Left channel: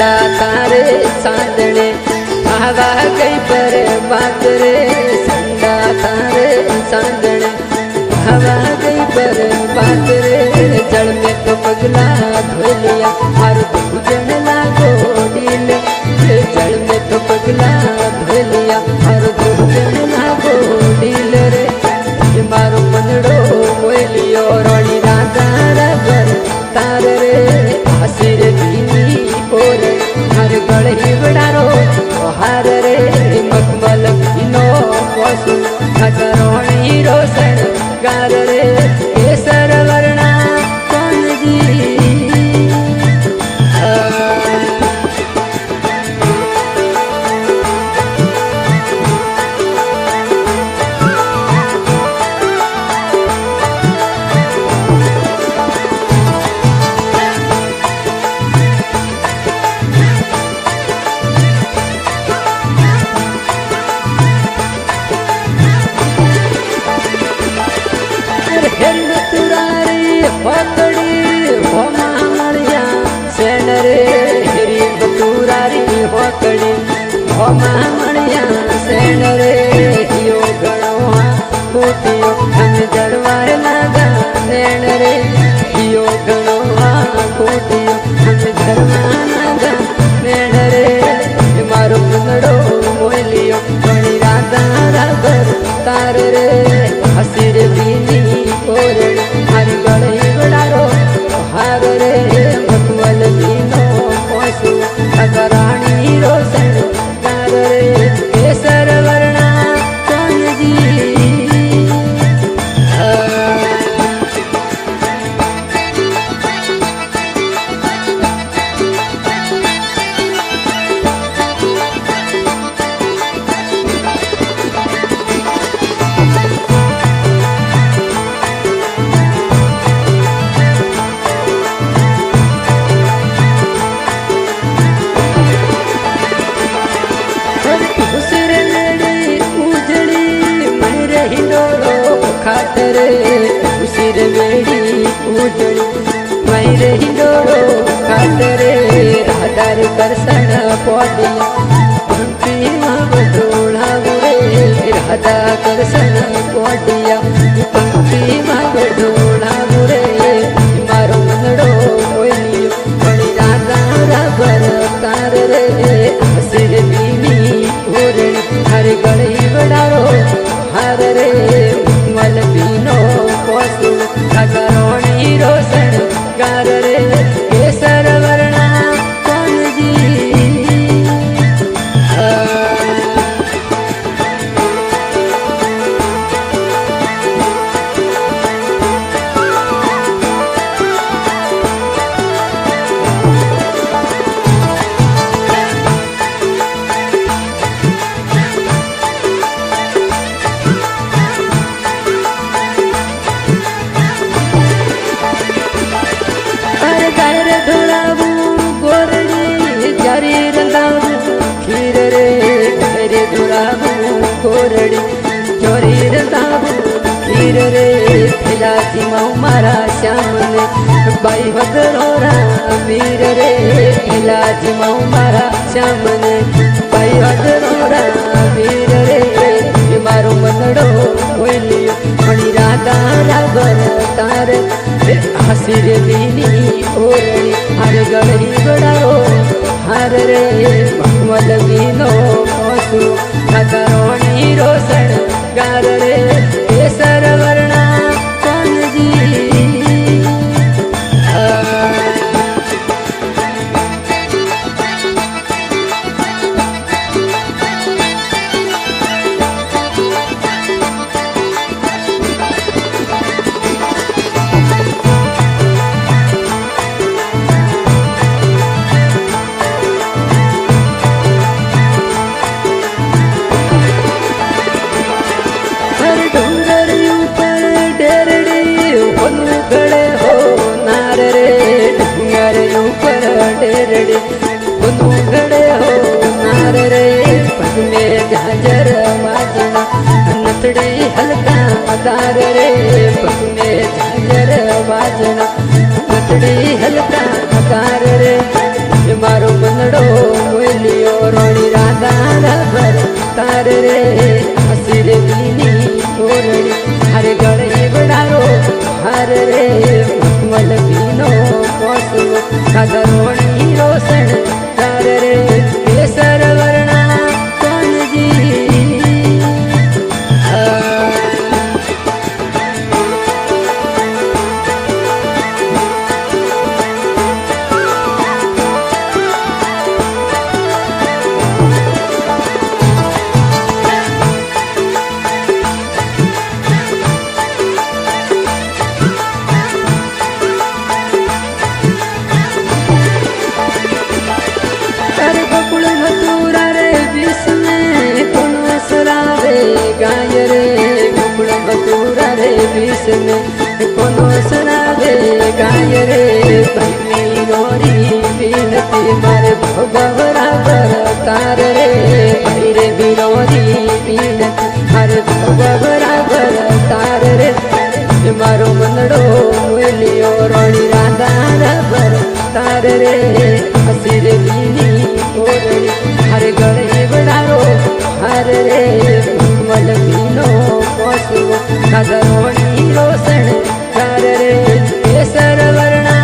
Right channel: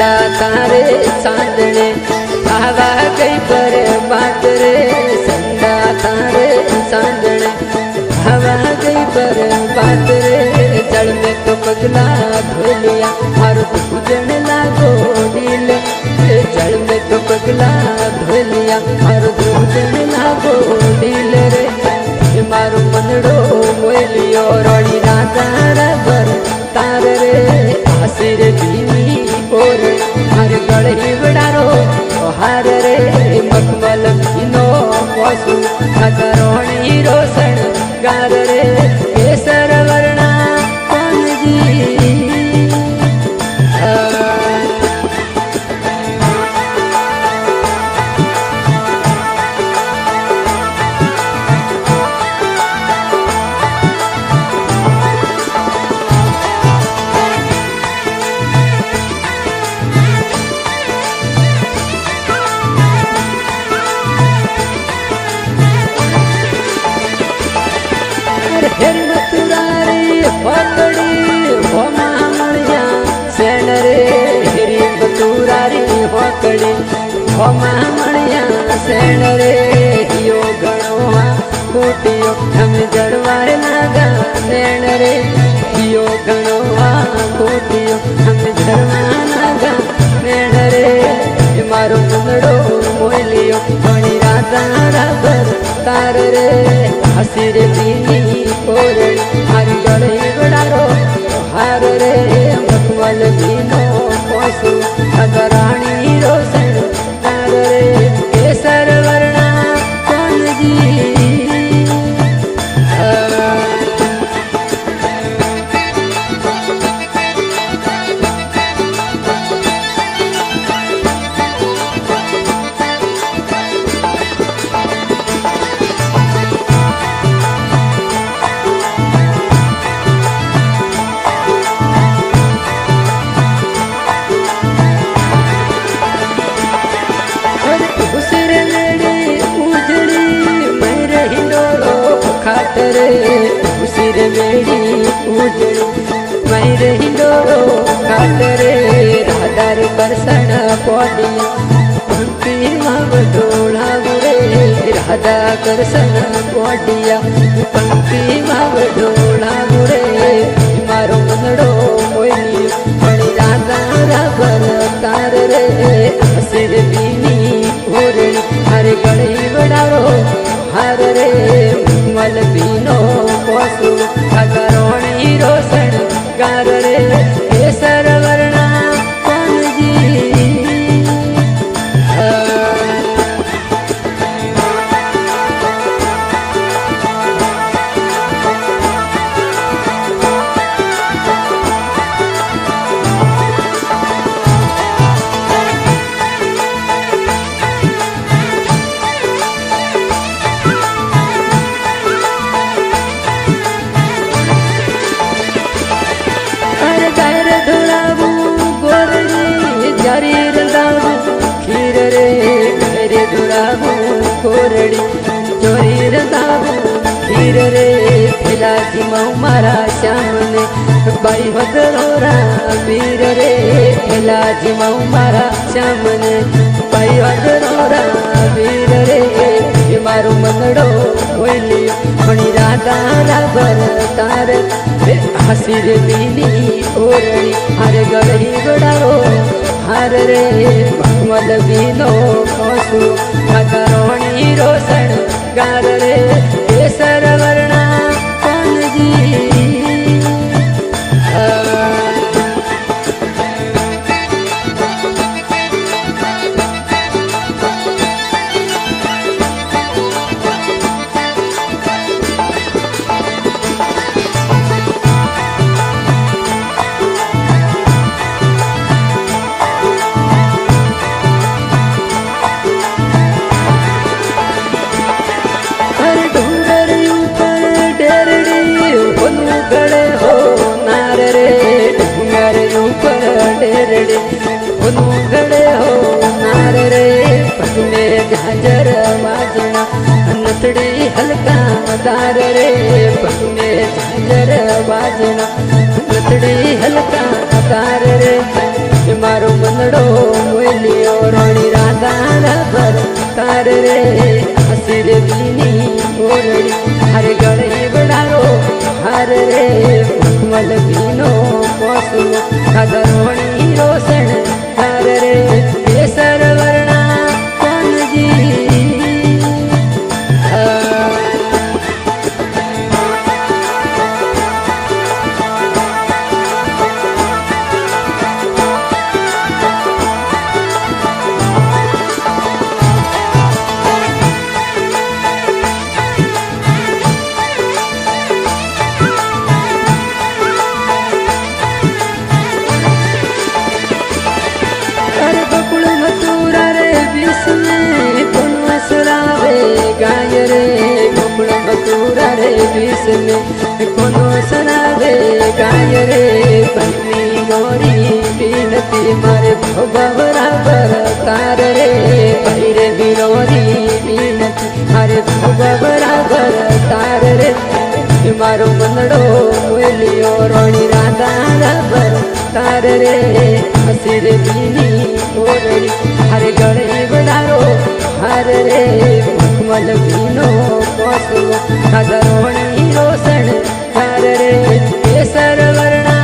संडा तारे चांदने आवा गई पर बात रे संडा तारे चांदने आवा गई पर बात रे जल में तो पगला धो लिया मारो तो पूजन लागो डील जल में तो पगला धो लिया मारो तो पूजन लागो डील रे मारो मनड़ो मोलियो रोड़ी राधा रबर तार रे आसिर भीनी पोर हर गढ़ी बड़ारो हार रे मखमल भीनो पशु खतरोणी रोशन गार रे केसर वर्णा कौन जी हेरी बतुरारी होकड़ी हो महामणिया सेन रे हेरी बतुरारी होकड़ी हो महामणिया सेन रे यो गणो कूटियो हम जड़वार लगा नैन रे यो गणो कूटियो हम जड़वार लगा नैन रे मारो मुंदड़ो मोलियो घणी राधा रबर तार रे हसीर बीनी पोरण हर गड़े बड़ारो हार रे मखमल बीनो पशु खतराणी रोशन तार रे केसर वर्णा कौन जी खाटरे उसिर मेड़ी उजड़ी मैरे हिंडोरो खाटरे राधार करसण पौड़िया पंक्ति माव ढोला बुरे राधा करसण पौड़िया पंक्ति माव ढोला बुरे मारो मनड़ो मोलियो बड़ी राधा रबर तार रे हसिर बीनी ओरणी हर गड़ी बड़ारो हर रे मल बीनो पशु खतरोणी रोशन गार रे केसर वर्णा कौन जी गायर ढोलाबू गोरड़ी जारी रंदाबू खीर रे गायर ढोलाबू गोरड़ी चोरी रंदाबू खीर रे फिला जिमाऊ मारा श्याम ने बाई वदरोरा वीर रे फिला जिमाऊ मारा श्याम ने बाई वदरोरा वीर रे मारो मनड़ो मोलियो मणि राधा रबर तार हसिर बीनी ओरणी हर गढ़ी बड़ारो हर रे मखमल बीनो पशु खतरोणी रोशन गार रे केसर वर्णा कौन जी गड़े हो नार रे डूंगर ऊपर डेरड़े गड़े हो नार रे पग में झांझर बाजना नथड़ी हल्का दार रे पग में झांझर बाजना नथड़ी हल्का दार रे मारो मनड़ो मोलियो रोणी राधा भर तार रे हसीर बीनी ओरड़ी हरे गले बड़ारो हर रे मखमल बीनो कोसवो राधा रोणी रोशन तार रे केसर वर्णा कौन जी गोकुल मथुरा रे विष में कोनो सरावे गाय रे गोकुल मथुरा रे विष में कोनो सरावे गाय रे पत्नी गोरी बीनती मारे बराबर तार रे भैरे बिरोरी बीनती मारे बराबर तार रे मारो मनड़ो मोलियो रोणी राधा भर तार रे हसीर बीनी ओरड़ी हरे गले बड़ारो हर रे मखमल बीनो कोसवो राधा रोणी रोशन तार रे केसर वर्णा